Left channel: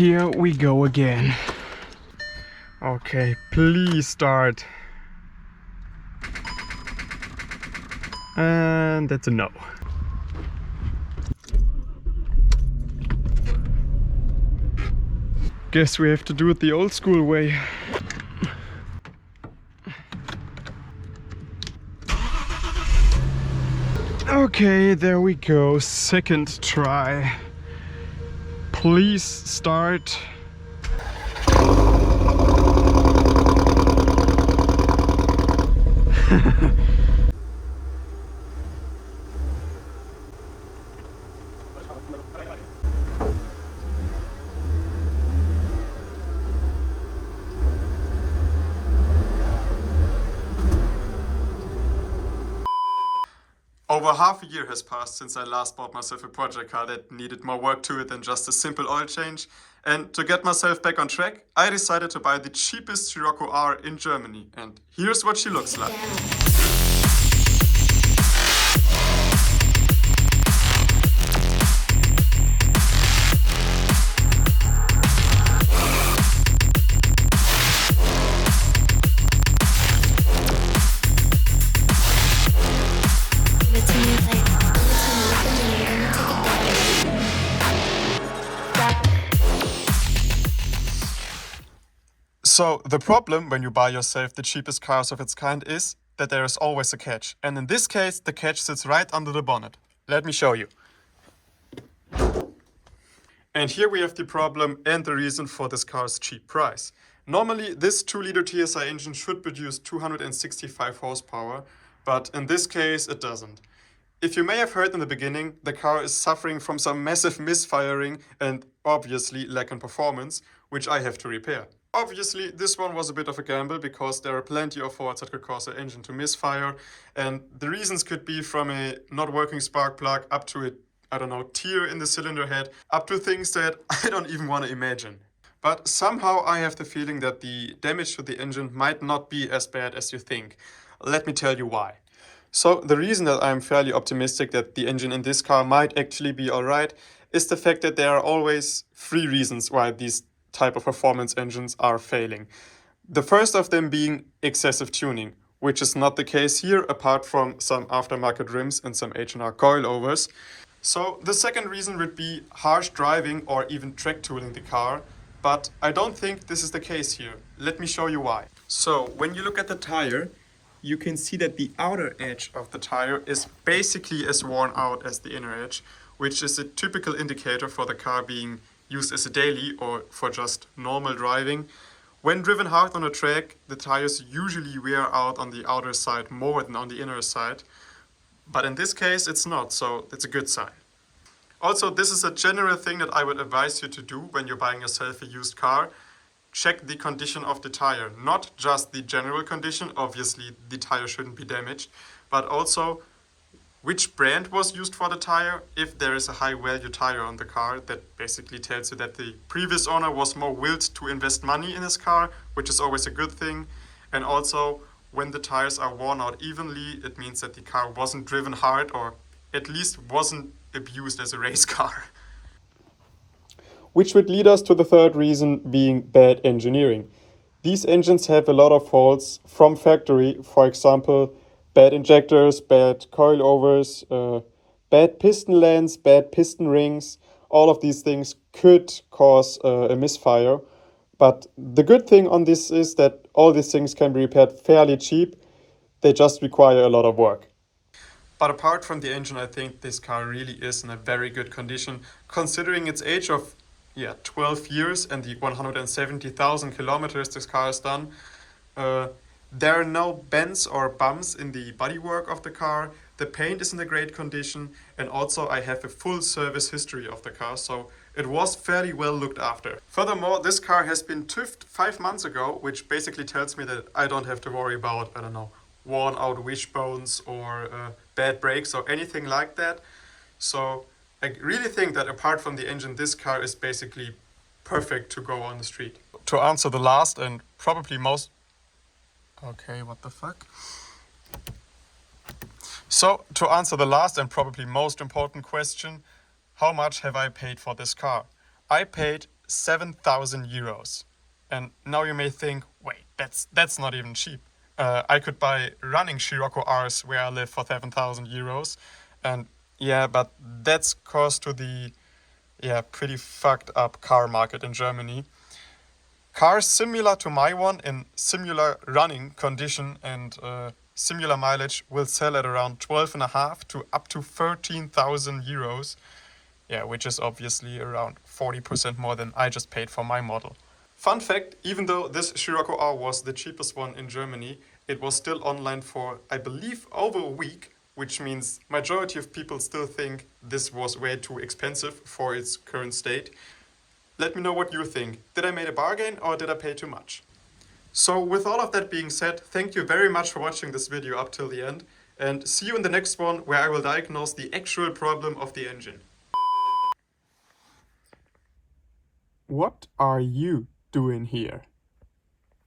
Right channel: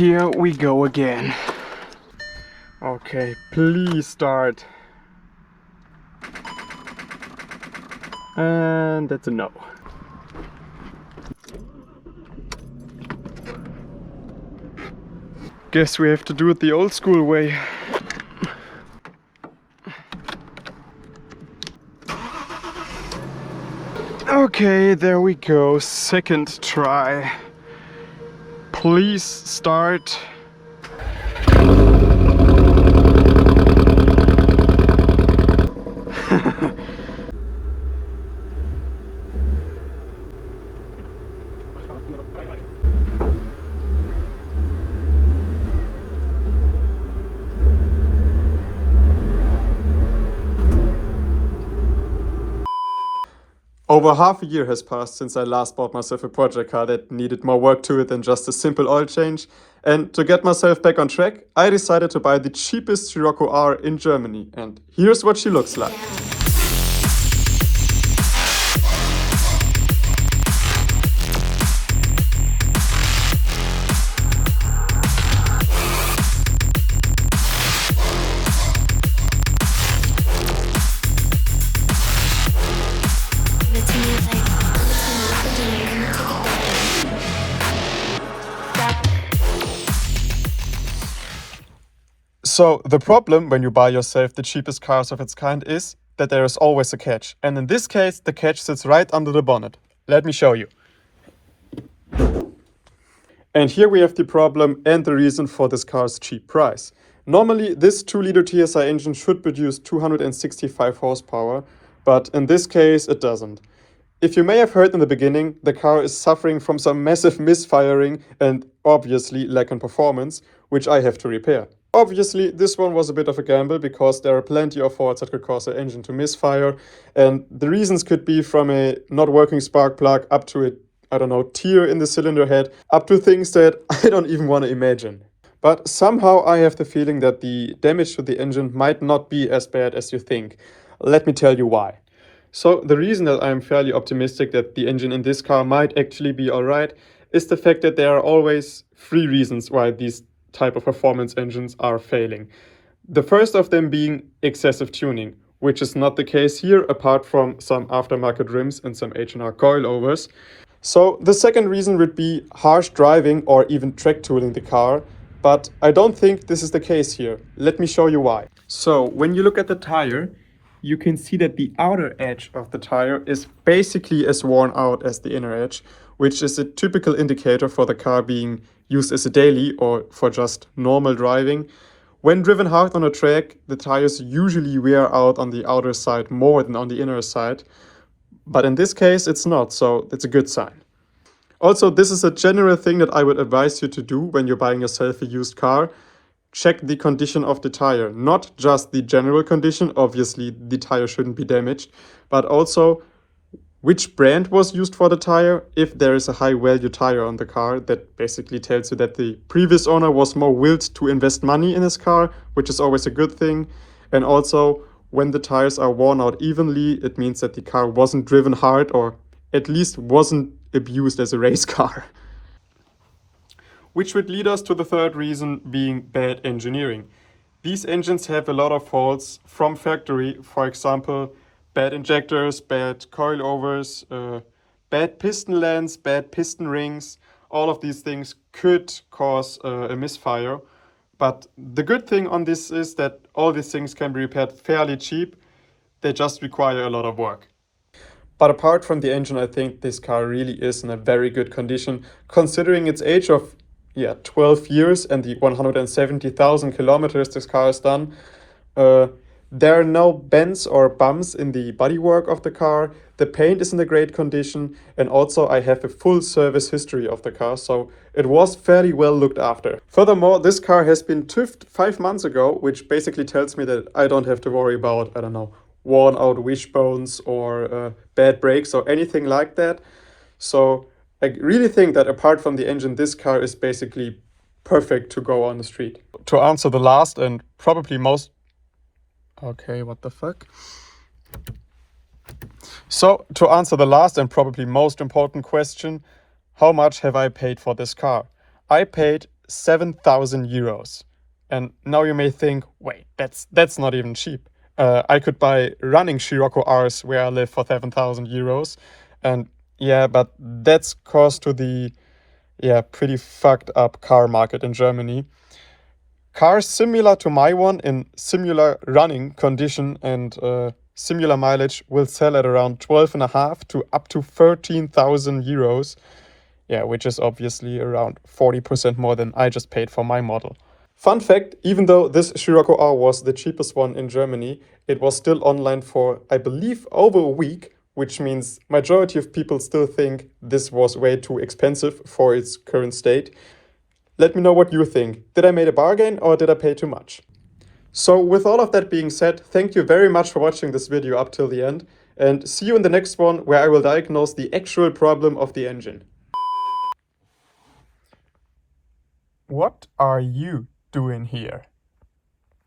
here we go again. Okay, please start. And that's a no. Guess we have to do it the old school way. Okay, there we go. Second try. Please start. Over half a year has passed since I last bought myself a project car that needed more work to it than just a simple oil change. And to get myself back on track, I decided to buy the cheapest Scirocco R in Germany. And here's what she looks like. So the problem when you buy yourself the cheapest cars of its kind is that there is always a catch. And in this case, the catch sits right under the bonnet. Let me show you. And here we have the problem and the reason for this car's cheap price. Normally, this 2-liter TSI engine should produce 265 horsepower, but in this case, it doesn't. If you may have heard in the beginning, the car is suffering from some massive misfiring and obviously lack in performance, which I have to repair. Obviously, this one was a bit of a gamble because there are plenty of faults that could cause the engine to misfire, and the reasons could be from a not working spark plug up to a, tear in the cylinder head, up to things that I don't even want to imagine. But somehow I have the feeling that the damage to the engine might not be as bad as you think. Let me tell you why. So the reason that I'm fairly optimistic that the engine in this car might actually be alright is the fact that there are always 3 reasons why these type of performance engines are failing. The first of them being excessive tuning, which is not the case here apart from some aftermarket rims and some H&R coilovers. So the second reason would be harsh driving or even track tooling the car, but I don't think this is the case here. Let me show you why. So when you look at the tire, you can see that the outer edge of the tire is basically as worn out as the inner edge, which is a typical indicator for the car being used as a daily or for just normal driving. When driven hard on a track, the tires usually wear out on the outer side more than on the inner side. But in this case, it's not, so it's a good sign. Also, this is a general thing that I would advise you to do when you're buying yourself a used car. Check the condition of the tire, not just the general condition, obviously the tire shouldn't be damaged, but also which brand was used for the tire. If there is a high value tire on the car, that basically tells you that the previous owner was more willed to invest money in his car, which is always a good thing. And also, when the tires are worn out evenly, it means that the car wasn't driven hard or at least wasn't abused as a race car. Which would lead us to the third reason being bad engineering. These engines have a lot of faults from factory, for example, bad injectors, bad coilovers, bad piston lands, bad piston rings. All of these things could cause a misfire. But the good thing on this is that all these things can be repaired fairly cheap. They just require a lot of work. But apart from the engine, I think this car really is in a very good condition, considering its age of 12 years and the 170,000 kilometers this car has done. There are no bends or bumps in the bodywork of the car. The paint is in a great condition, and also I have a full service history of the car, so it was fairly well looked after. Furthermore, this car has been TÜV'd 5 months ago, which basically tells me that I don't have to worry about, worn out wishbones or bad brakes or anything like that. So I really think that apart from the engine, this car is basically perfect to go on the street. To answer the last and probably most... Okay, what the fuck? So, to answer the last and probably most important question, how much have I paid for this car? I paid 7,000 euros. And now you may think, wait, that's not even cheap. I could buy running Scirocco Rs where I live for 7,000 euros. And yeah, but that's cost to the pretty fucked up car market in Germany. Cars similar to my one in similar running condition and similar mileage will sell at around 12.5 to up to 13,000 euros. Yeah, which is obviously around 40% more than I just paid for my model. Fun fact, even though this Scirocco R was the cheapest one in Germany, it was still online for, I believe, over a week, which means majority of people still think this was way too expensive for its current state. Let me know what you think. Did I make a bargain or did I pay too much? So with all of that being said, thank you very much for watching this video up till the end, and see you in the next one where I will diagnose the actual problem of the engine. What are you doing here?